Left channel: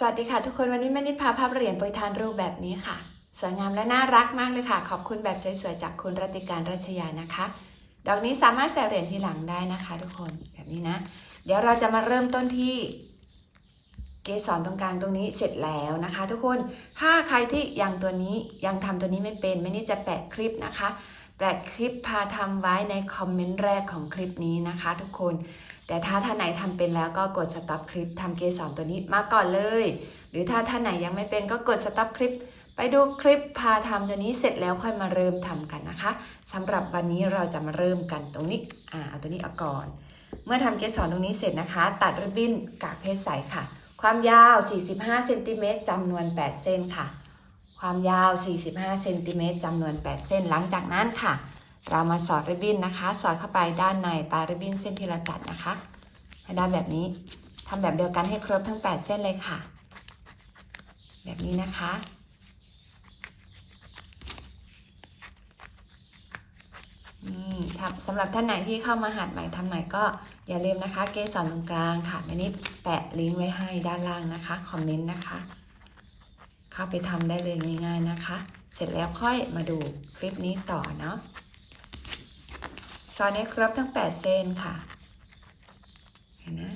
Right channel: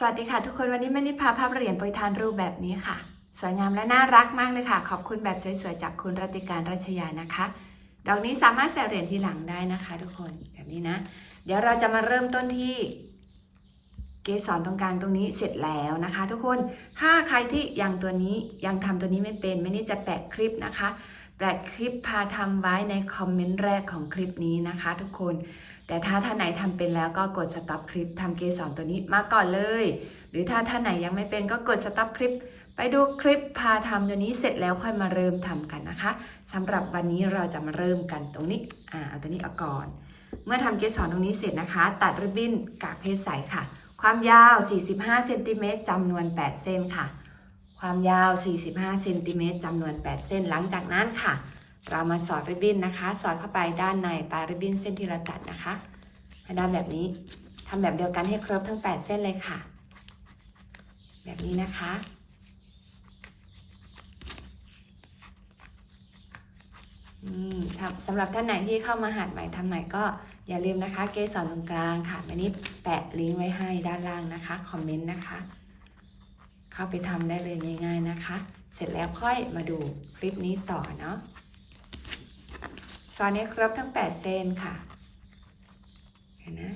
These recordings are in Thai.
สวัสดีค่ะทุกคนวันนี้แม่นิดพาภาพเหรียญโปรยทานรูปแบบนี้ค่ะ สวยงามและน่ารักมากเลยค่ะ ขอบคุณแบบสวยๆจากคุณรติการรัชยานะคะ ดอกนี้สามารถใส่เหรียญทีหลังได้นะคะ ทุกคนแบบนี้นะ เดี๋ยวเราจะมาเริ่มต้นที่ เกสรตรงกลางตรงนี้เสร็จแล้วนะคะ ทุกคนถ้าใครที่ยังตัวนี้ยังทำตัวนี้ไม่เป็นแม่นิดจะแปะคลิปนะคะแปะคลิปพาทำไว้ในคอมเมนต์แรกของคลิปนี้นะคะ ทุกคน แต่ถ้าท่านไหนทำเป็นแล้วก็กดสต็อปคลิปทำเกสรตัวนี้มาก่อนเลย หรือถ้าท่านไหนยังไม่เป็นก็กดสต็อปคลิป ไปดูคลิปพาทำตัวนี้เสร็จแล้วค่อยมาเริ่มทำกันนะคะสำหรับวันนี้เราจะมาเริ่มกันตรงนี้อ่าเอาตัวนี้เอาก่อน เมื่อทำเกสรตรงนี้เสร็จนะคะ ตัดริบบิ้นกากเพชรใสค่ะ ความยาว 45เซนติเมตรจำนวน 8 เส้นค่ะ ความยาว 45เซนติเมตรจำนวน 8 เส้น หลังจากนั้นค่ะ เรามาสอดริบบิ้นนะคะ สอดเข้าไปด้านในปลายริบบิ้นเส้นที่เราตัดนะคะให้ได้แบบนี้ทำแบบเดียวกันให้ครบทั้ง 8 เส้นเลยค่ะ แบบนี้นะคะครับสำหรับท่านไหนที่เข้ามาหัดใหม่ทำใหม่ก็อย่าลืมนะคะ เกสรตรงกลางค่ะแม่นิดแปะลิงก์ไว้ให้ด้านล่างนะคะ คอมเมนต์นะคะ เข้าไปทำได้เลยง่ายๆนะคะ เสร็จแล้วค่อยมาดูคลิปนี้ต่อเนาะ ซอยนี้ครบทั้ง 8 เส้นค่ะเห็นนะ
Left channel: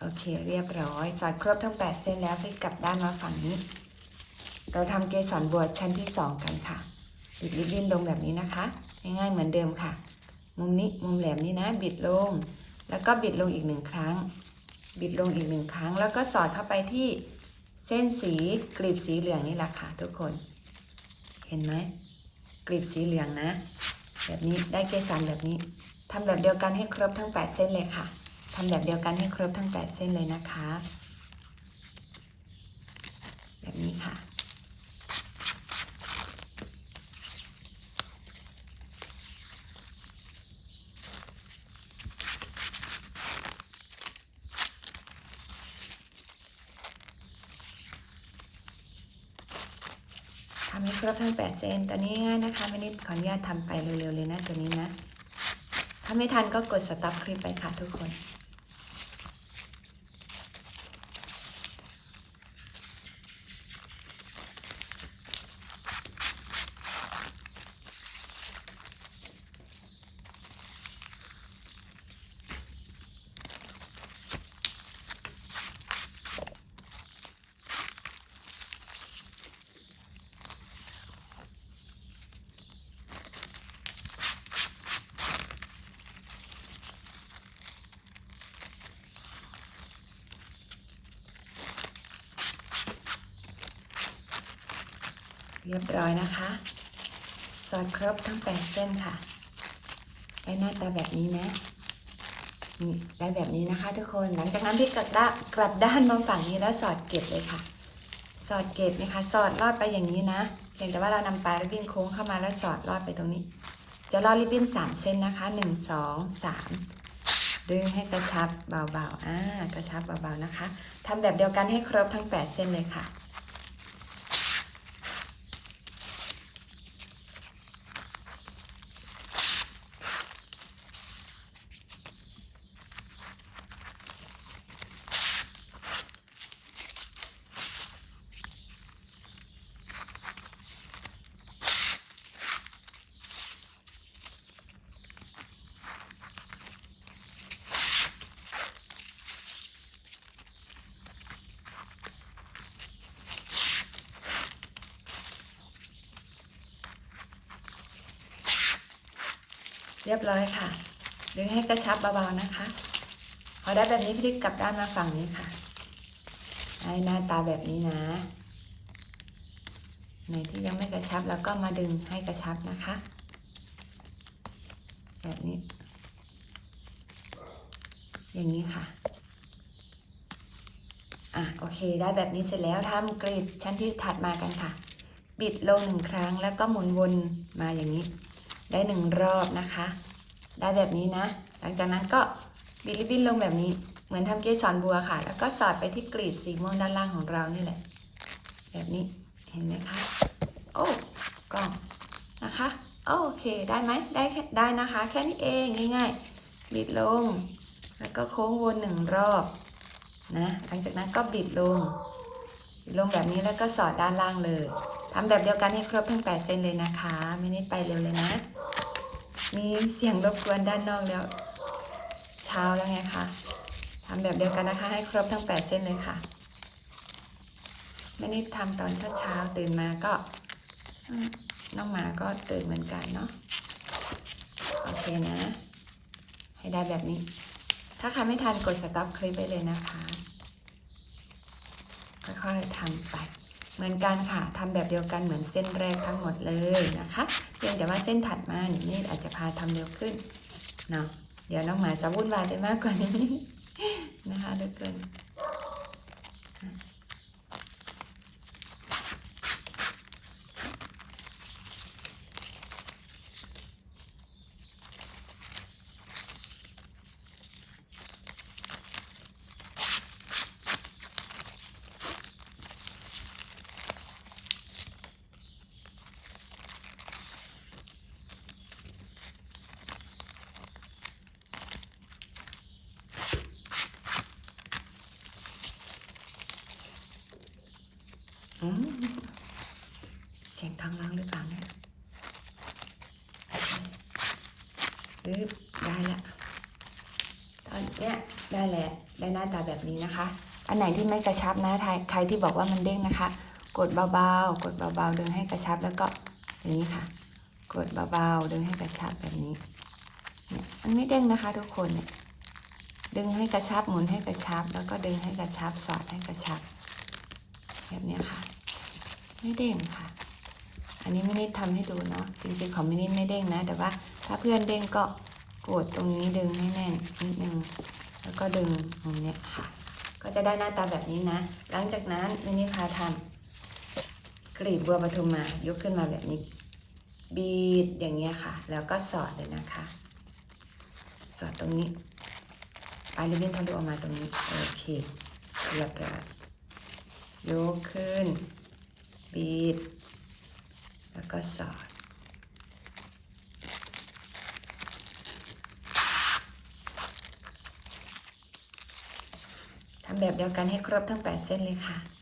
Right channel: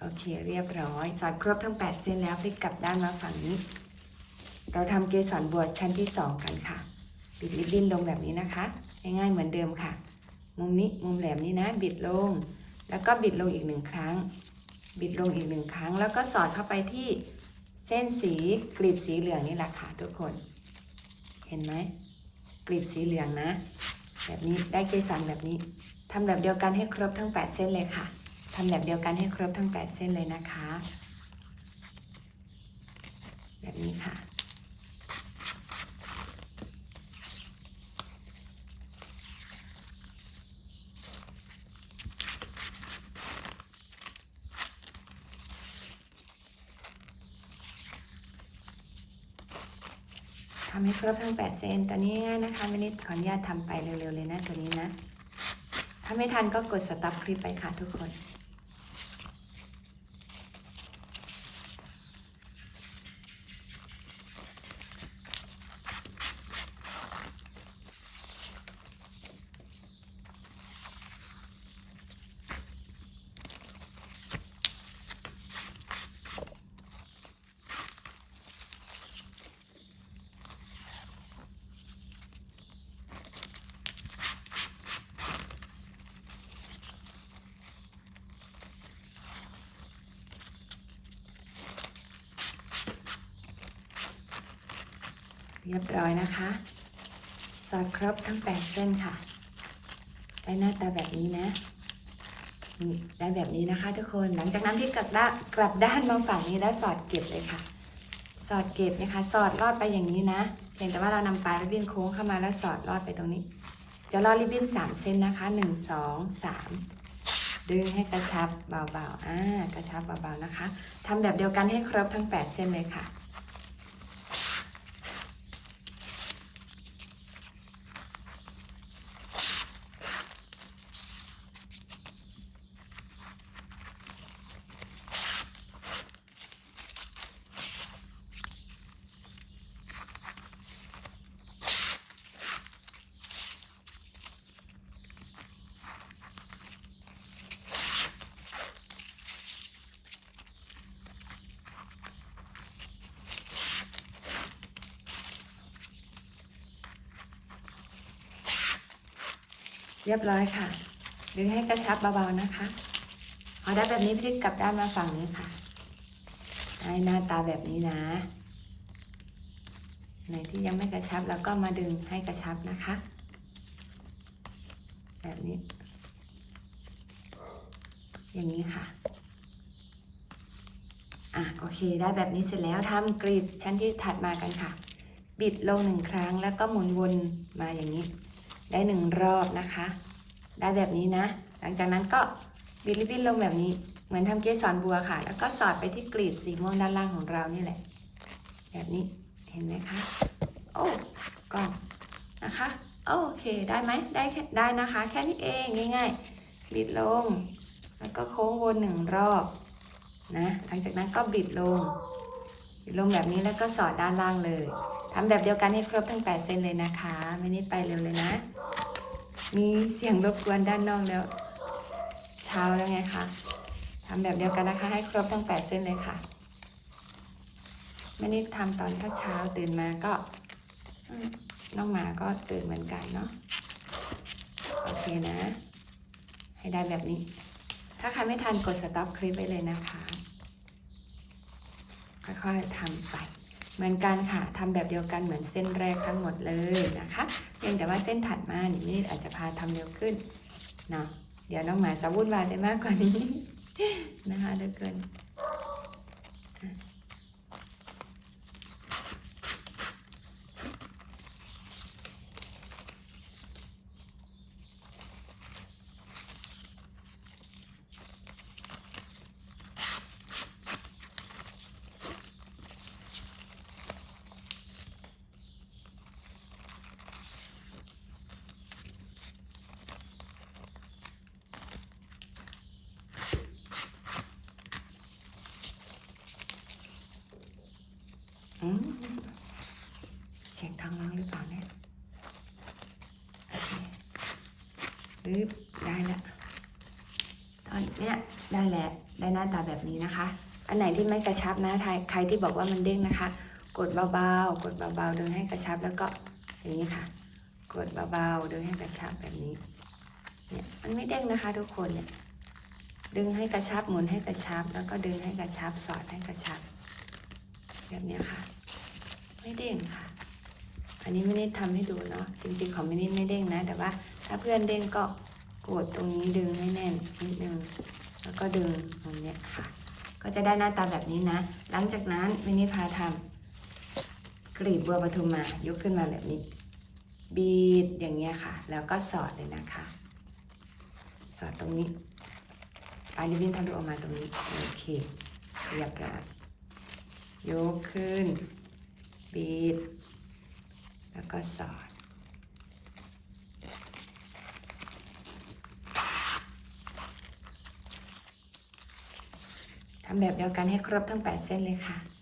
โอเคเรียบร้อยสอดครบทั้ง 8 เส้นแล้วพลิกกลับด้านมาฝั่งนี้ เราทำเกสรบวชชั้นที่ 2 กันค่ะบิดริบบิ้นลงแบบนี้นะคะ ง่ายๆเหมือนเดิมค่ะ มุมนี้มุมแหลมนี้นะ บิดลง แล้วก็บิดลงอีกหนึ่งครั้ง บิดลงอีกหนึ่งครั้ง แล้วก็สอดเข้าไปที่เส้นสีกลีบสีเหลืองนี่แหละค่ะทุกคน เห็นไหมกลีบสีเหลืองนะ แบบนี้ได้เกสรแบบนี้ทำแบบเดียวกันให้ครบทั้ง 8 เส้นเลยค่ะทำแบบเดียวกันให้ครบทั้ง 8 เส้นเลยนะคะ แบบนี้ค่ะ ทำให้ครบทั้ง 8 เส้นตอนนี้ ขออนุญาตทำไปเร็วๆเลยนะตัวนี้นะ ถ้าไม่ทันก็กดสต็อปคลิปไปค่ะทุกคน เรียบร้อยนะคะ สอดครบทั้ง8เส้นค่ะได้หน้าตาแบบนี้นะได้แบบนี้นะคะ ทุกคน หลังจากนั้นพลิกกลับละกลับด้านมาฝั่งนี้แล้วสอดเก็บเลยค่ะ สอดเก็บนะคะ สอดลอดไปอย่างนี้นะเพียงแต่ว่าเรานำปลายริบบิ้นโค้งเข้ามาแล้วสอดลอดไปตรงนี้ จะลอดริบบิ้น3เส้นนะคะ1 2 3ดึงให้กระชับเบาๆ อ่ากระชับเบาๆนะคะ ทำแบบเดียวกันให้ครบทั้ง8เส้นเลยค่ะ เรียบร้อยค่ะ ดึงให้กระชับเบาๆนะคะ พอได้แบบนี้พลิกกลับด้านมาฝั่งนี้ค่ะ ให้หน้าตาแบบนี้นะไหนที่ยังไม่กระชับแล้วก็มาดึงให้กระชับนะคะ แบบนี้ อย่างนี้ค่ะอะ โอเค ได้แบบนี้เสร็จแล้วทำกรีบชั้นที่ถัดมากันค่ะ บิดลงหนึ่งครั้งแล้วก็หมุนวนมาอย่างนี้ ได้หนึ่งรอบนะคะ ได้แบบนี้นะ หลังจากนั้นก็บิดริบบิ้นลงแบบนี้ เหมือนทำเกสรบัวค่ะ แล้วก็สอดไปที่กลีบสีม่วงด้านล่างของเรานี่แหละ แบบนี้เห็นไหมคะ โอ้กล้องนะคะ โอเคได้ไหมได้แค่ได้นะคะ แค่นี้เองง่ายๆบิดลง แล้วก็โค้งวนหนึ่งรอบนะหลังจากนั้นก็บิดลงบิดลงแบบนี้แล้วก็สอดด้านล่างเลยทำแบบเดียวกันให้ครบทั้ง8เส้นเลยนะคะ ไม่นิดไปเร็วเลยนะ มีเสียงรบกวนด้านนอกแล้ว เช้าแล้วไงคะทำแบบเดียวกันนะคะ ให้ครบทั้ง8เส้นเลยค่ะ ไม่ได้ทำตอนเช้าๆตื่นมาก็ น้องหมาก็ตื่นเหมือนกันเนาะโอเคนะ ให้ได้แบบนี้ ถ้าใครไม่ทันกดสต็อปคลิปไว้เลยนะคะค่อยๆทำไป เหมือนกันค่ะทำแบบเดียวกันเหมือนเส้นแรกทั้งหมดเลยนะคะ พียงแต่ว่าเส้นถัดมาอย่างนี้อาจจะพาทำเร็วขึ้นเนาะเดี๋ยวน้องหมาจะวุ่นวายได้มากกว่านี้นะคะเด็กเกิน อืมเสียงท้องร้องหรือเปล่าเนี่ยโอเค ปึ๊บได้ละตอนเนี้ยได้แล้วได้หน้าตาแบบนี้นะคะ อันไหนที่ไม่กระชับนะใครใครที่บอกว่ามันเด้งนะคะ กดเบาๆกดเบาๆดึงให้กระชับแล้วก็อย่างนี้ค่ะ กดเบาๆดึงให้กระชับแบบนี้เนี่ยมันไม่เด้งนะคะทุกคนเดึงให้กระชับหมุนให้กระชับ แล้วก็ดึงให้กระชับสอดให้กระชับ แบบนี้ค่ะไม่เด้งค่ะ อันนี้ไม่ได้ทำให้ดูเนาะจริงๆของมินิไม่เด้งนะ แต่ว่า ถ้าเพื่อนเด้งก็กดตรงนี้ดึงให้แน่นนิดนึงแล้วก็ดึงอย่างเนี้ยค่ะ ก็จะได้หน้าตาแบบนี้นะ หลังจากนั้นมินิพาทำกลีบบัวปทุมมายกขึ้นมาแบบนี้ บีดอย่างเงี้ยค่ะ แล้วก็สอดเลยนะคะ สอดตรงนี้ปลายลิ้นทะลุออกมาตรงนี้โอเคเรียบร้อยยกขึ้น บีด แล้วก็สอดำแบบเดียวกันให้ครบทั้ง 8 เส้นเลยค่ะ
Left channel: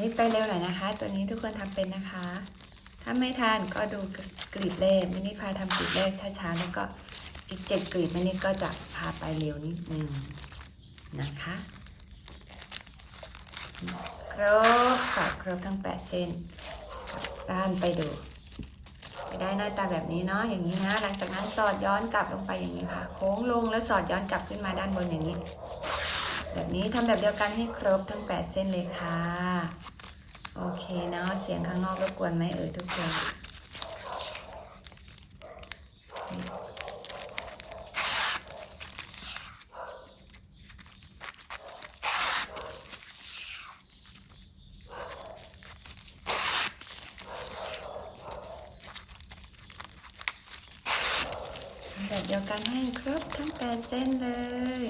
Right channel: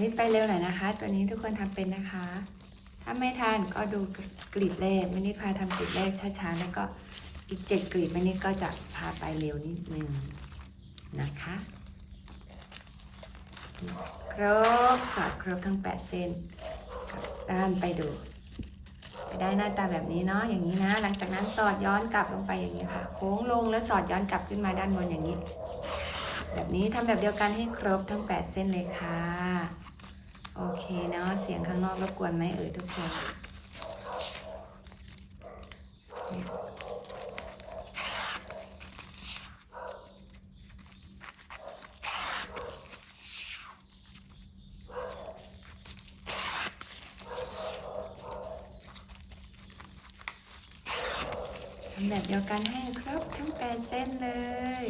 นี่ไปเร็วหน่อยนะคะ ตัวนี้ทุกคนทำเป็นนะคะ ถ้าไม่ทานก็ดูกลีบแรกมินิพาทำกลีบแรกช้าๆแล้วก็อีกเจ็ดกลีบมินิก็จะพาไปเร็วนิดนึงนะคะครบค่ะครบทั้ง8เส้นด้านไปดูได้หน้าตาแบบนี้เนาะอย่างนี้นะ หลังจากนั้นสอดย้อนกลับลงไปอย่างนี้ค่ะ โค้งลงแล้วสอดย้อนกลับขึ้นมาด้านบนอย่างนี้ แบบนี้ทำแบบเดียวกันให้ครบทั้ง 8 เส้นเลยค่ะ โอเคเนาะเสียงข้างนอกรบกวนไหมเอ่ยทุกคนแบบเดียวกันให้ครบทั้ง8เส้นเลย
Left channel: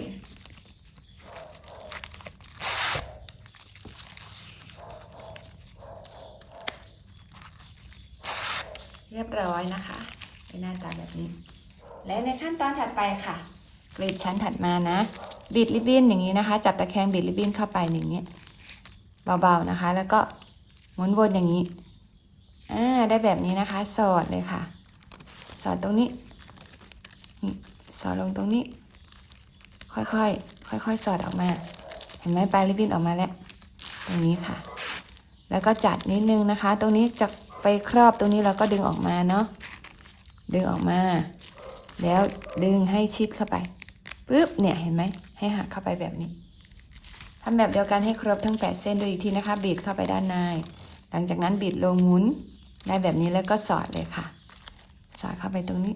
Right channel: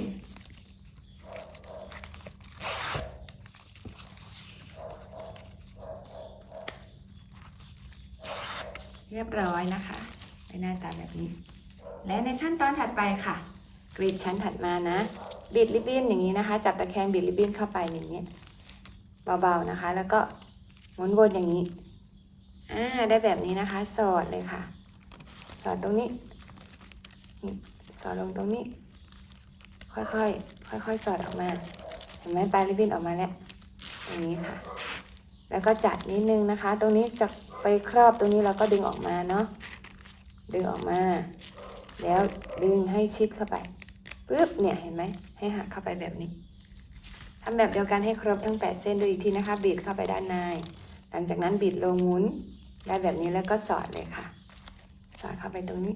เรียบร้อยนะคะในหน้าตาแบบนี้ และใน ขั้นตอนถัดไปค่ะกรีดชั้นถัดมานะบิดริบบิ้นอย่างนี้นะคะ จับตะแคงบิดริบบิ้นเข้าไปอย่างนี้เบาๆนะคะ แล้วก็หมุนวนอย่างนี้อ่าได้แบบนี้นะคะ สอดเลยค่ะ สอดตรงนี้สอดลงตรงนี้ ค่อยๆค่อยๆสอดออกมา เห็นไหมปลายริบบิ้นออกมาแล้วอย่างนี้ค่ะ แล้วก็จัดนิดนึงนะคะ ตรงนี้จะไปครอบตรงนี้แล้วก็ดึงออกมาเนาะดึงออกมา แล้วดึงให้ชิดเข้าไปปึ๊บเนี่ยเห็นไหมให้หักเข้าไปแบบนี้ทำแบบเดียวกันให้ครบทั้ง 8 เส้นดูอีกทีนะคะบิดเข้าไปด้านใน หลังจากนั้นบิดลงหมุนได้แบบนี้แล้วก็สอดเลยค่ะ สอดเข้าไปตรงนี้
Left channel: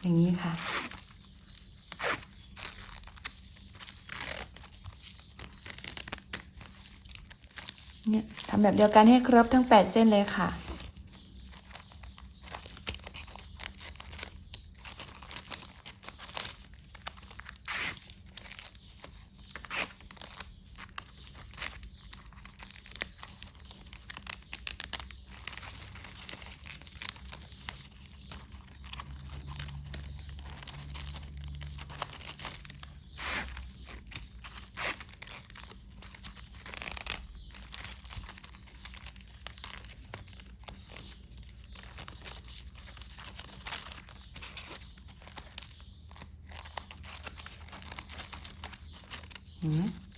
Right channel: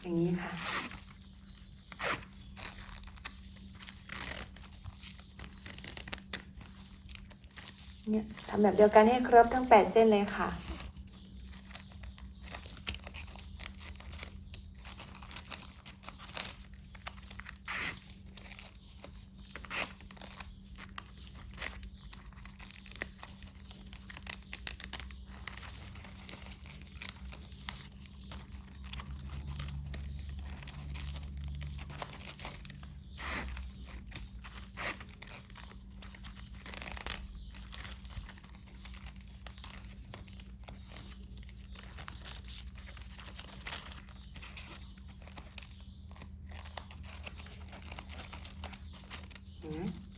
อย่างนี้ค่ะ เนี่ย ทำแบบเดียวกันให้ครบทั้ง 8 เส้นเลยค่ะ เ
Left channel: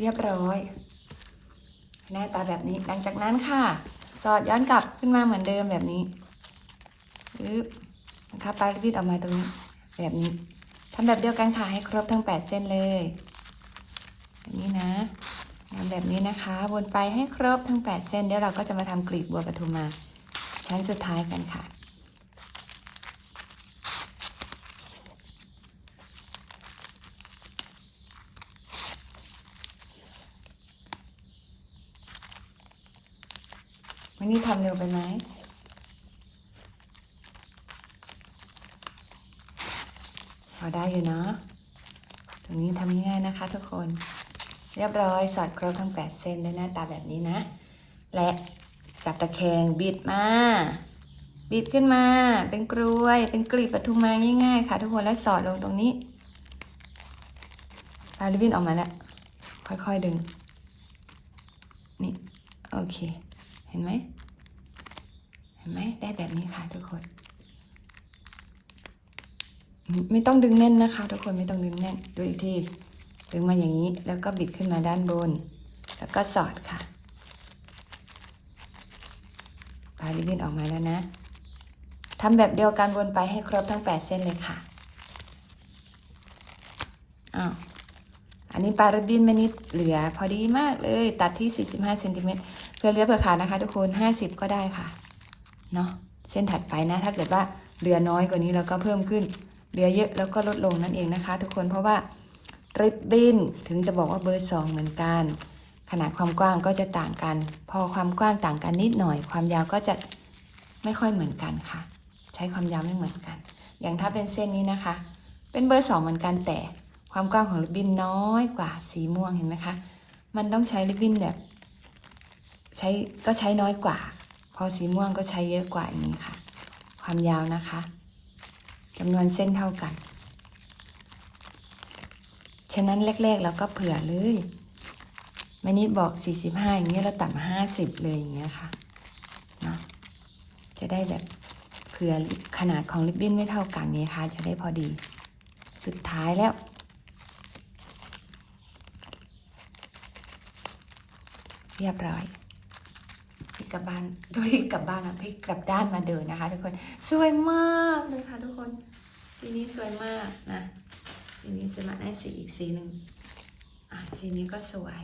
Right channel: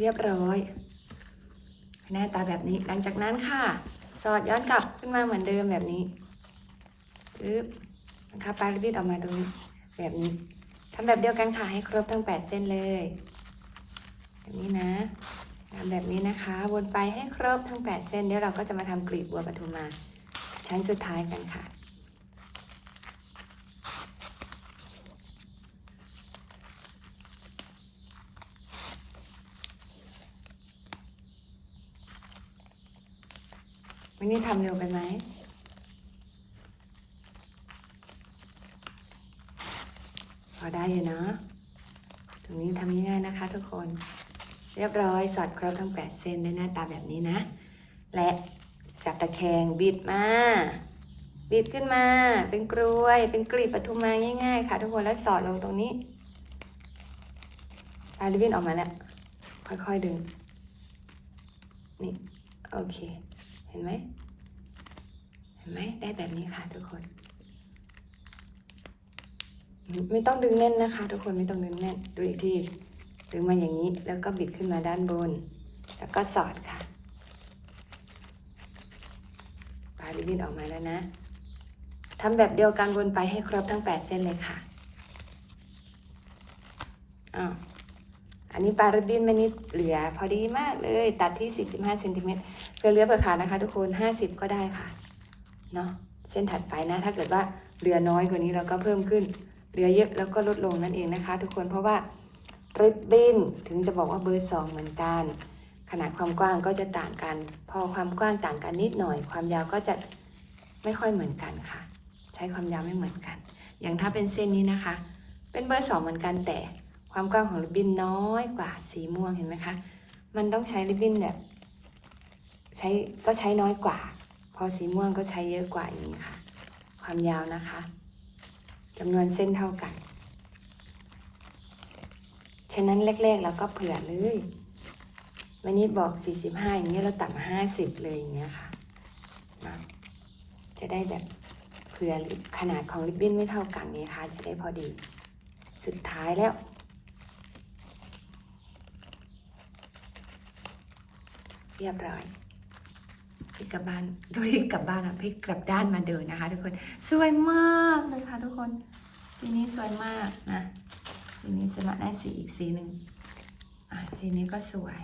เรียบร้อย หน้าตาแบบนี้หลังจากนั้นค่ะ สอดย้อนกลับขึ้นมาเหมือนเดิมแบบนี้ปึ๊บนะคะปลายรีบออกมาตรงนี้แบบนี้ทำแบบเดียวกันค่ะให้ครบทั้ง 8 เส้นเลยแบบนี้นะทำแบบนี้นะคะ วนไปให้ครบทั้ง 8 เส้นเดี๋ยวเราก็จะมาทำกลีบบัวปทุมมาชั้นสุดท้ายกันค่ะ วันนี้ทำเร็วไปไหมพอได้อยู่เนาะตรงนี้ทำง่ายๆนะคะทุกคน เรียบร้อยสอดครบทั้ง 8 เส้นได้หน้าตาแบบนี้นะ และจากตะแคงบิดมาบิดขึ้นมา เป็นกลวย เป็นกลีบปทุมมาง่ายๆ ค่ะทุกคนแล้วสอดลงตรงนี้ปลายลิบินออกมาแล้ว ค่อยๆดึง นี่ โอเค ห็นไหมเห็นไหมได้แบบนี้ค่ะทุกคน ไม่ต้องดึงแน่นนะคะ ทุกคนไม่ต้องดึงแน่นดูอีกทีดึงมาอย่างนี้แล้วก็บิดขึ้นมาด้านบน แล้วก็สอดค่ะปลายริบบิ้นออกมาแล้วนะทำแบบเดียวกันวนไปให้ครบทั้ง 8 เส้นเลยค่ะอ้าว อันนี้ปลาริบบิ้นไม่นิดเหลือพอดีมากเลย ตัดที่ 45เซนติเมตรเพื่อเลือเผื่อขาดนะคะ ทุกคน 50 ก็ได้ค่ะเนาะเส้นถัดไปนะ ถ้าเกิดว่าเหลือน้อยกว่านี้เราก็เพิ่มขึ้นเหลือเยอะแล้วก็ลดลงนั่นเองนะคะ ทุกคนเพราะว่าริบบิ้นถึงจะบอกว่าเบอร์สองเหมือนกัน ขนาดความกว้างก็จะต่างกัน พอความกว้างต่างกันนิดหน่อย ความยาวก็จะไม่ค่อยเหมือนกันค่ะ ใช้ความยาวไม่เหมือนกัน อย่างถ้าเป็นเส้นนี้นะคะ เป็นเบอร์สองเหมือนกันแต่ ความกว้างของริบบิ้นน้อยกว่าสีม่วงเห็นไหมคะ มันต้องใช้ริบบิ้นแบบใช้ก็ใช้น้อยกว่า พอสีม่วงก็ใช้เยอะกว่าอย่างนี้ค่ะ ความยาวนะคะจำนวนเส้นเท่ากัน ฉะนั้นแรกๆเราก็เผื่อเลยมันนี้บอก 45 อย่างนี้เราต่ำ50 เลยอย่างเงี้ยค่ะ จะได้แบบเผื่อขนาดของริบบิ้นไม่เท่ากันนี้ค่ะ จะได้พอดี สุดท้ายแล้ว เรียบร้อยพลิกกลับบ้านโดยกลับบ้านอะพลิกกลับด้านมาเดินนะคะ ทุกคนสวยมากเลยค่ะ ทุกคนสีนี้สวยมากนะสีนี้สมัครได้สีอีกสีหนึ่งอะสีนี้ก็สวย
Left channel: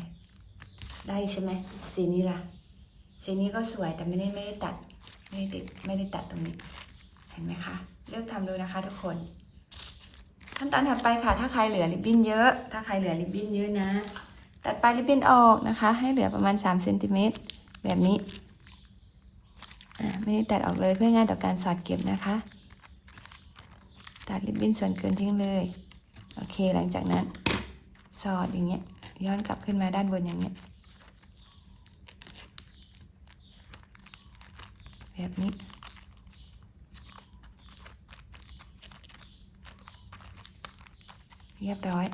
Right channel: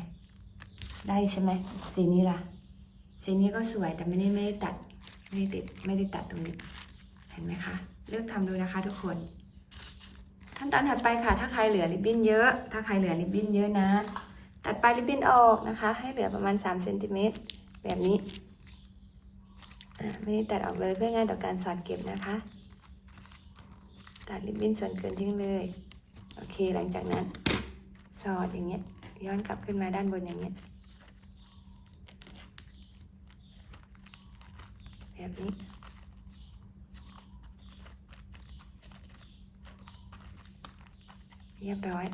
ได้ใช่ไหมสีนี้ล่ะสีนี้ก็สวยแต่ไม่ได้ไม่ได้ตัดไม่ได้ติดไม่ได้ตัดตรงนี้เห็นไหมคะเลือกทำดูนะคะ ทุกคนขั้นตอนถัดไปค่ะ ถ้าใครเหลือริบบิ้นเยอะ ถ้าใครเหลือริบบิ้นเยอะนะ ตัดปลายริบบิ้นออกนะคะ ให้เหลือประมาณ3เซนติเมตรแบบนี้ไม่ได้ตัดออกเลยเพื่อง่ายต่อการสอดเก็บนะคะ ตัดริบบิ้นส่วนเกินทิ้งเลย โอเคหลังจากนั้นสอดอย่างเงี้ยย้อนกลับขึ้นมาด้านบนอย่างเงี้ยแบบนี้เรียบร้อย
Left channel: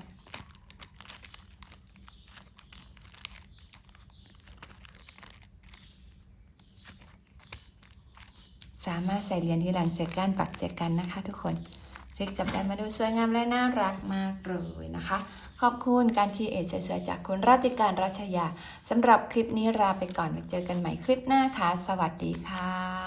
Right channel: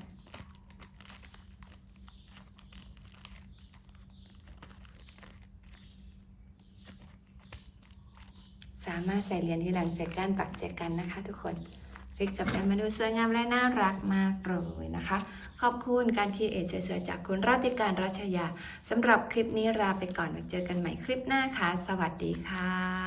สามารถใส่เหรียญที่หลังเสียกันปักเจกันนะคะ ทุกคนคลิกกลับไปมาดูสวยงามและน่ารักมากเลยนะคะ ขอบคุณการคีเอทสวยๆ จากคุณราติการรัชยาสำหรับคลิปนี้ลาไปก่อนเดี๋ยวเจอกันใหม่คลิปหน้าค่ะ สวัสดีค่ะ